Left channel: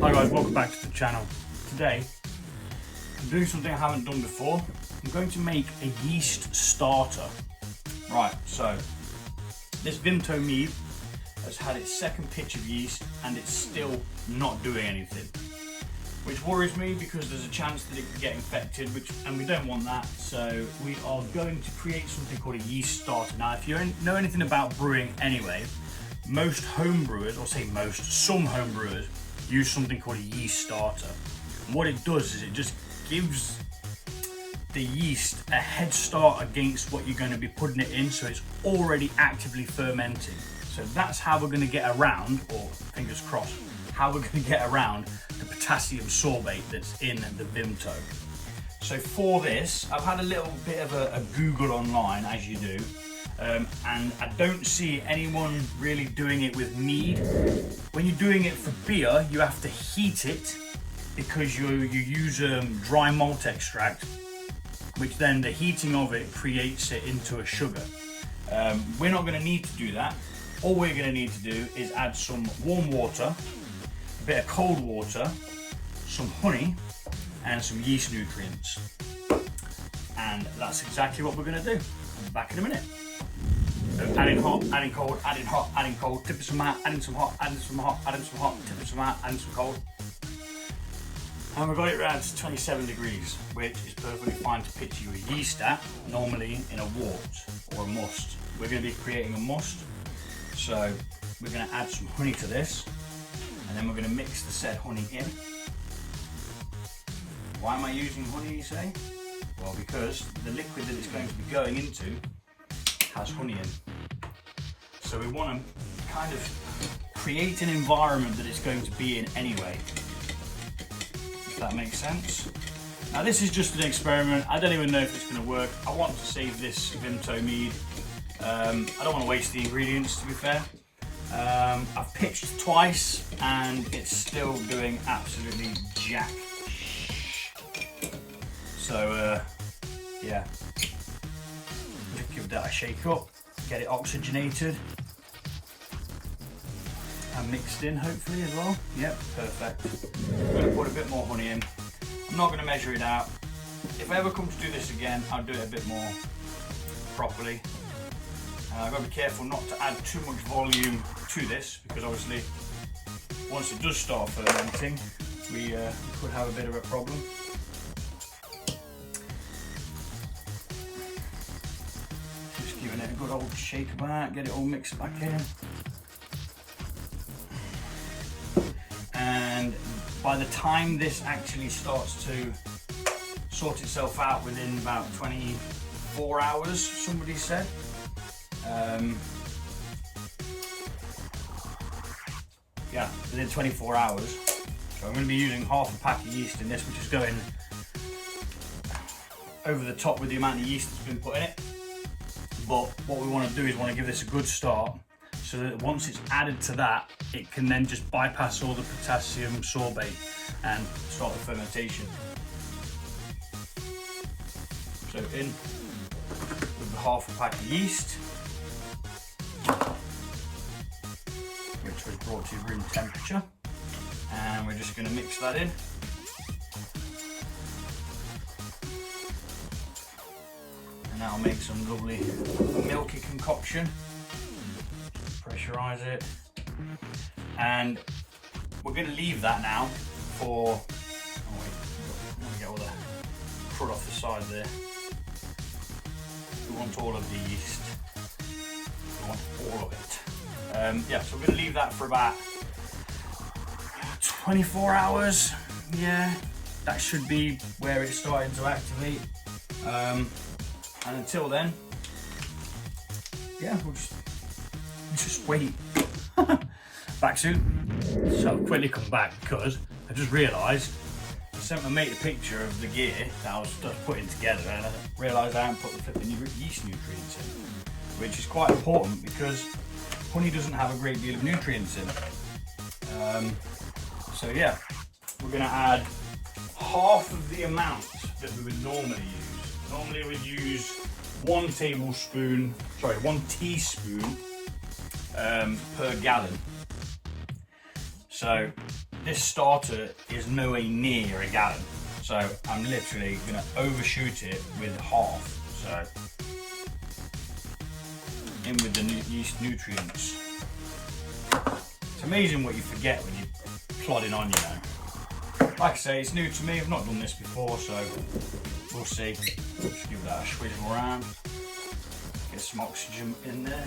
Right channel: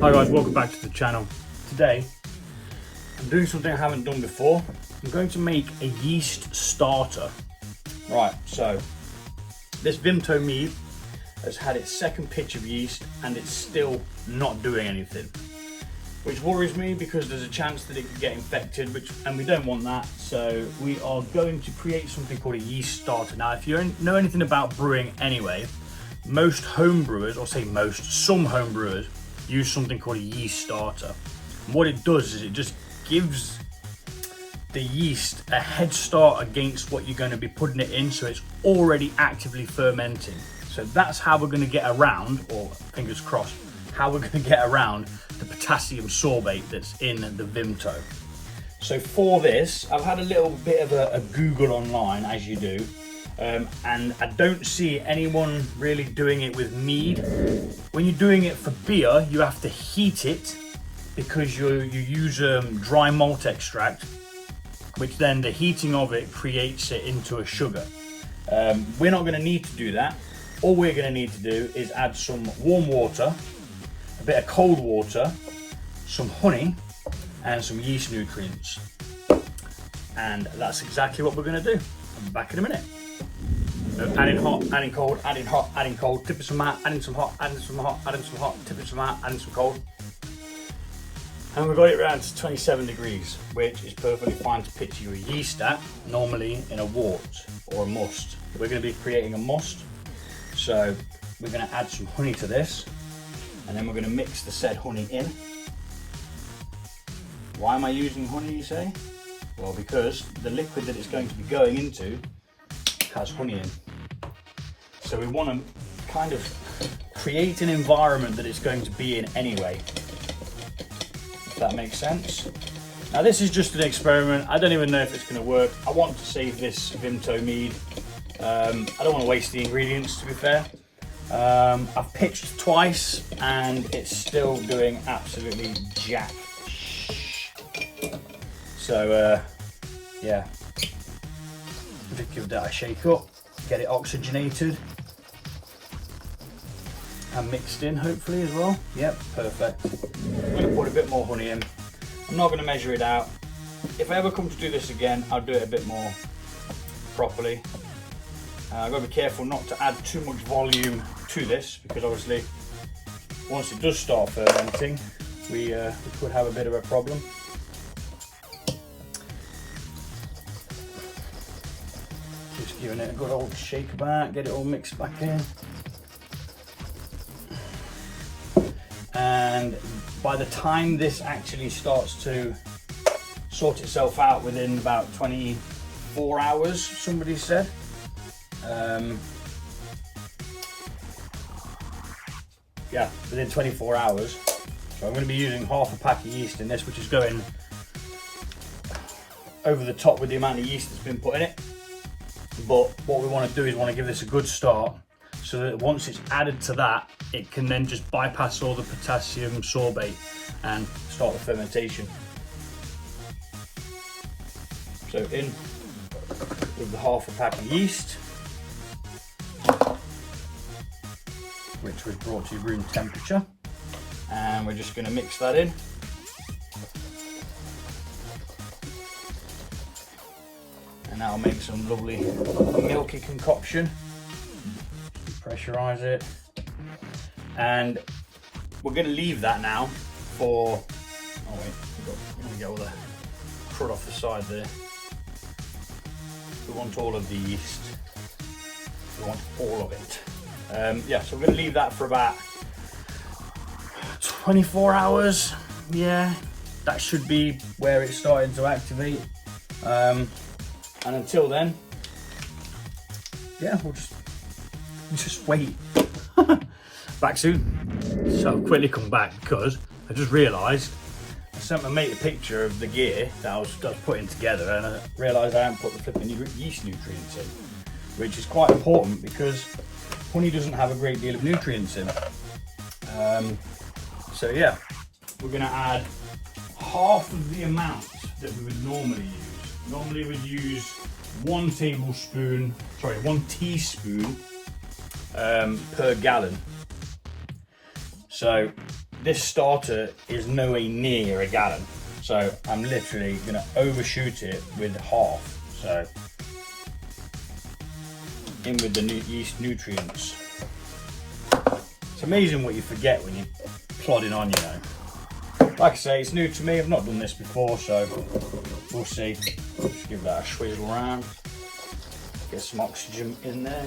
Hi guys, welcome back to the channel. Today, I'm doing something I haven't done before. I'm going to make a yeast starter. Right, so this Vimto mead has had its second pitch of yeast and it's still not doing anything. Which worries me because there's a chance that it could get infected, and we don't want that. So we are going to create something called a yeast starter. Now, if you know anything about brewing anyway, most home brewers, or say most, some home brewers use something called a yeast starter. And what it does is it just gives the yeast a head start against what you're going to be putting it in, so it's already actively fermenting. So that's how we're going to get around, or fingers crossed, how we're going to get around the potassium sorbate that's in the Vimto. So for this, I've had a little bit of a Google online, as you do, and I don't see anyone really doing it with mead. When you're doing it for beer, you have to heat it because you use dry malt extract, which then the heating of it creates it into a sugar. We're not going to need to do that. All we're going to need to do is add some warm water, a bit of cold water, some honey, and some yeast nutrients. And that's exactly what we're going to do. I'll be back in a minute. So adding hot, adding cold, adding hot, adding cold, tipping some hot, adding some hot, adding some hot, adding some hot, tipping some hot, adding some cold. And we've got it around to 27 degrees, which is perfectly fine to pitch your yeast at, normally in a wort or a must. We're going to be creating a must, so we're going to add some honey to this, and then we're going to mix the said honey in. Why am I using honey, you say? Well, because the liquid that it's going to be going into has honey in. So we want to kind of create an environment that it's going to be in anyway. If that makes sense. Now this is just an experiment. I don't even know if it's going to work. I want to save this Vimto mead. I don't want to waste the ingredients, to be fair. I've pitched twice and it's still doing absolutely jack. So yeah, just give that a shake up, get it oxygenated and mixed in, hopefully, as well. Yep, perfect. I'm going to put a bit more honey in. I'm not going to measure it out. If I ever come to do this again, I'll do it a bit more properly. I've got to be careful not to add too much volume to this, because obviously once it does start fermenting, we could have a bit of a problem. Just giving it a good old shake about, get it all mixed back in. And by the time this actually starts to sort itself out, within about 24 hours, somebody said. Yeah, within 24 hours. So I'm going to be using half a pack of yeast in this, which is going over the top with the amount of yeast that's been put in it. But what we want to do is want to give this a good start, so that once it's added to that, it can then just bypass all the potassium sorbate and start the fermentation. So in with the half a pack of yeast, which was brought to room temperature, and we're just going to mix that in. And that'll make some lovely milky concoction. Pressurize it, and we're going to leave that now for, oh wait, let me get all the crud off the side there. We want all of the yeast, we want all of it. Yeah, so we're going to leave that for about 24 hours. Yeah, that should be where it's starting to activate. And until then, yeah, we'll just wait. Back soon. So I'll quickly come back because I just realised I sent my mate a picture of the gear that I was putting together, and I realised I hadn't put the flipping yeast nutrients in, which is quite important because honey doesn't have a great deal of nutrients in it. So yeah, we're going to add half of the amount that we would normally use. Normally we'd use 1 teaspoon per gallon. So this starter is nowhere near a gallon, so I'm literally going to overshoot it with half. So in with the yeast nutrients. It's amazing what you forget when you're plodding on, you know. Like I say, it's new to me, I've not done this before, so we'll see. Give that a swizzle around, get some oxygen in there.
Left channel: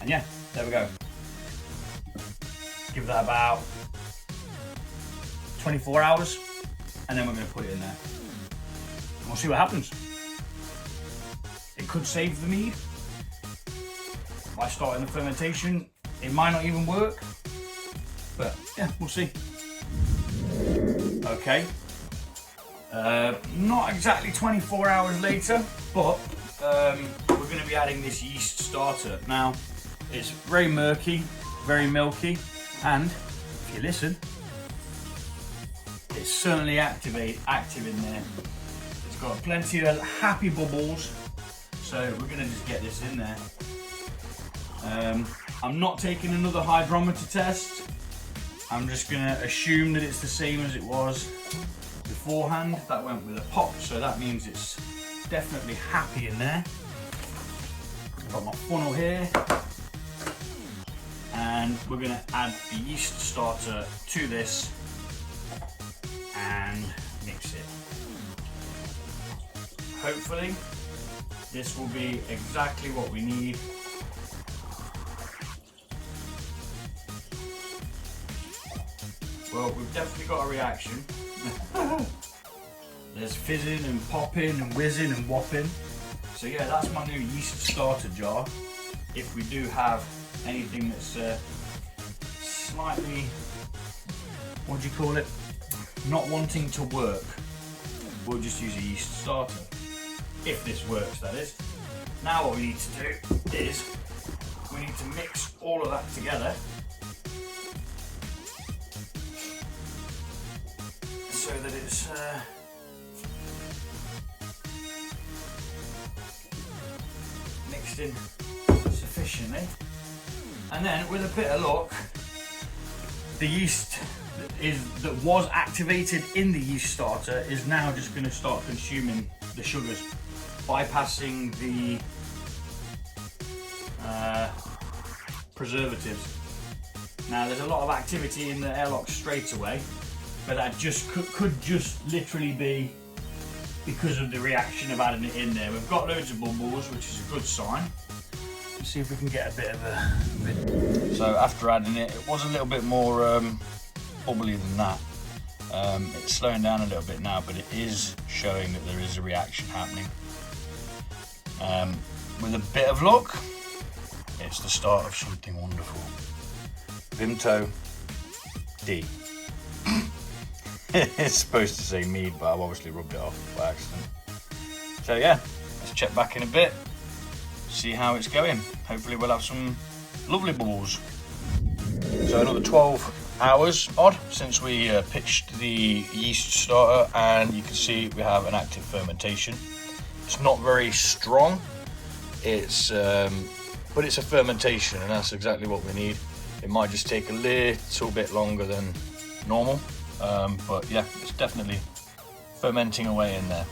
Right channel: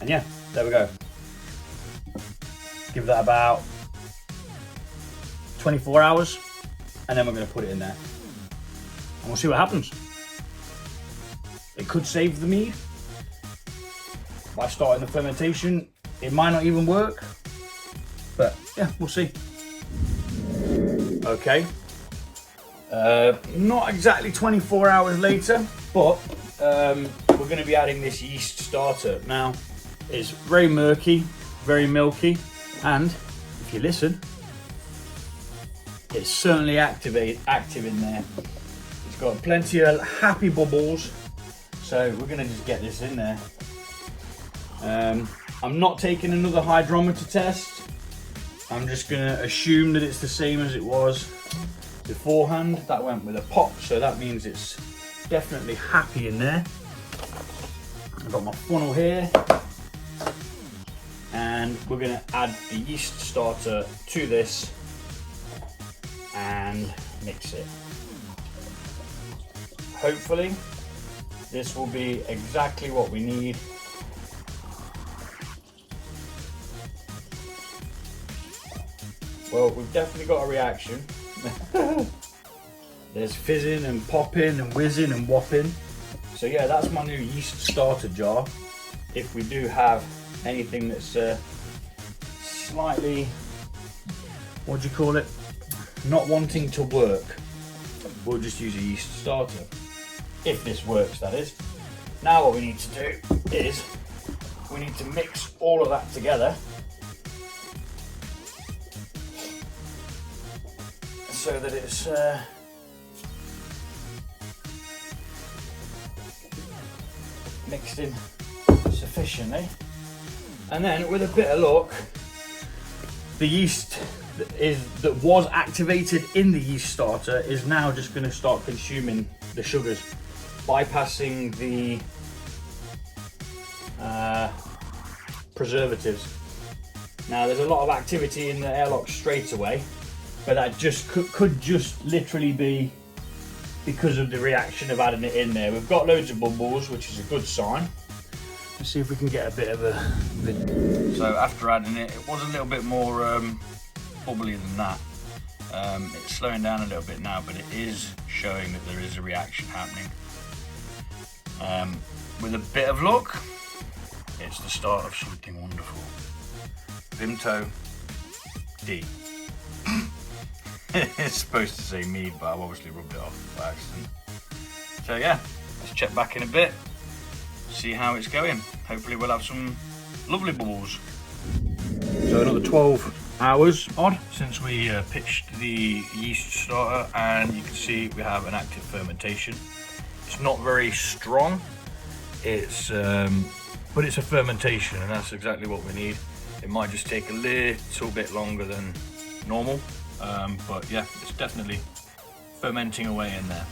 And yeah, there we go. Give that about 24 hours, and then we're going to put it in there. And we'll see what happens. It could save the mead. By starting the fermentation, it might not even work. But yeah, we'll see. Okay. Not exactly 24 hours later, but we're going to be adding this yeast starter. Now, it's very murky, very milky, and if you listen, it's certainly active in there. It's got plenty of happy bubbles, so we're going to just get this in there. I'm not taking another hydrometer test. I'm just going to assume that it's the same as it was beforehand. That went with a pop, so that means it's definitely happy in there. I've got my funnel here, and we're going to add the yeast starter to this and mix it. Hopefully this will be exactly what we need. Well, we've definitely got a reaction. There's fizzing and popping and whizzing and whopping. So yeah, that's my new yeast starter jar. If we do have anything that's slightly, what do you call it, not wanting to work, we'll just use a yeast starter. If this works, that is. Now what we need to do is we need to mix all of that together so that it's mixed in sufficiently, and then with a bit of luck, the yeast that was activated in the yeast starter is now just going to start consuming the sugars, bypassing the preservatives. Now there's a lot of activity in the airlock straight away, but that just could just literally be because of the reaction of adding it in there. We've got loads of bubbles, which is a good sign. Let's see if we can get a bit of a... So after adding it, it was a little bit more bubbly than that. It's slowing down a little bit now, but it is showing that there is a reaction happening. With a bit of luck, it's the start of something wonderful. Vimto D. It's supposed to say mead, but I've obviously rubbed it off by accident. So yeah, let's check back in a bit, see how it's going. Hopefully we'll have some lovely bubbles. So another 12 hours odd since we pitched the yeast starter, and you can see we have an active fermentation. It's not very strong, but it's a fermentation, and that's exactly what we need. It might just take a little bit longer than normal. But yeah, it's definitely fermenting away in there.